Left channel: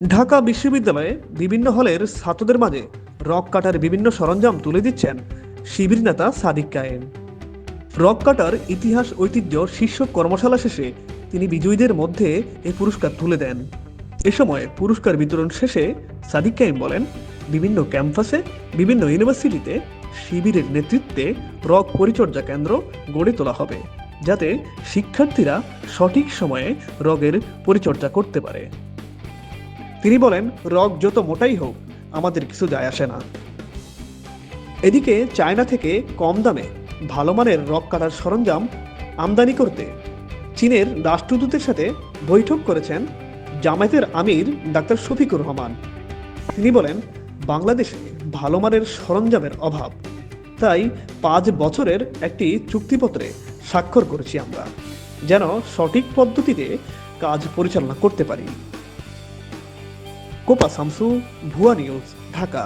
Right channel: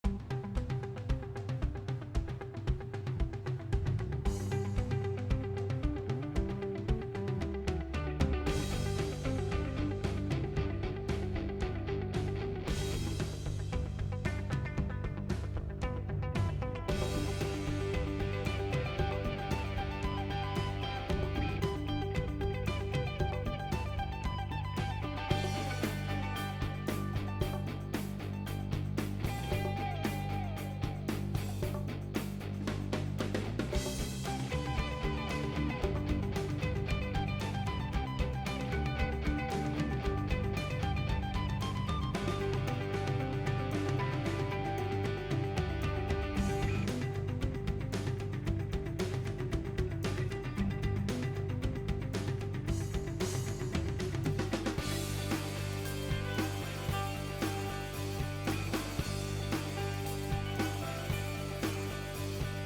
ঢাকা বিশ্ববিদ্যালয়ে বিভিন্ন হলের ছাত্রদের মাঝে রক কাটার বিভিন্ন সরঞ্জাম তুলে দিচ্ছেন শিবির নেতা সাদিক কায়েম। রক কাটার ইতিহাস ঐতিহ্য শীর্ষক কর্মশালা শেষে তিনি বিজয়ীদের মধ্যে এই পুরস্কার তুলে দেন। এ সময় পুরস্কার বিতরণ শেষে সাদিক কায়েম বলেন, বিভিন্ন ক্যাম্পাসে বিভিন্ন ইউনিভার্সিটিতে শিবিরের নেতৃত্বে রক পরিচর্যা কেন্দ্র গড়ে তোলা হবে, যাতে শিক্ষার্থীরা সঠিক সময়ে রগের পরিচর্যা করতে পারে। তিনি বলেন, রগ যত মোটাই হোক আমাদের কিছু যায় আসে না। এদিকে চায়না থেকে কম দামে ভালো মানের রক কাটার সরঞ্জাম আমদানি করতে চীনের রাষ্ট্রদূতের সাথে বৈঠক করেছেন জামায়াতের আমির ডাক্তার শফিকুর রহমান। তিনি বলেন, বাংলাদেশে ভালো মানের সরঞ্জামের অভাব, তাই 5 বছরের একটি চুক্তিপত্রে স্বাক্ষর করেছি আমরা, যেন সঠিক পদ্ধতিতে কাজ পরিচালনা করতে পারি। কোপা শামসু, ভুয়া নিউজ, ঢাকা।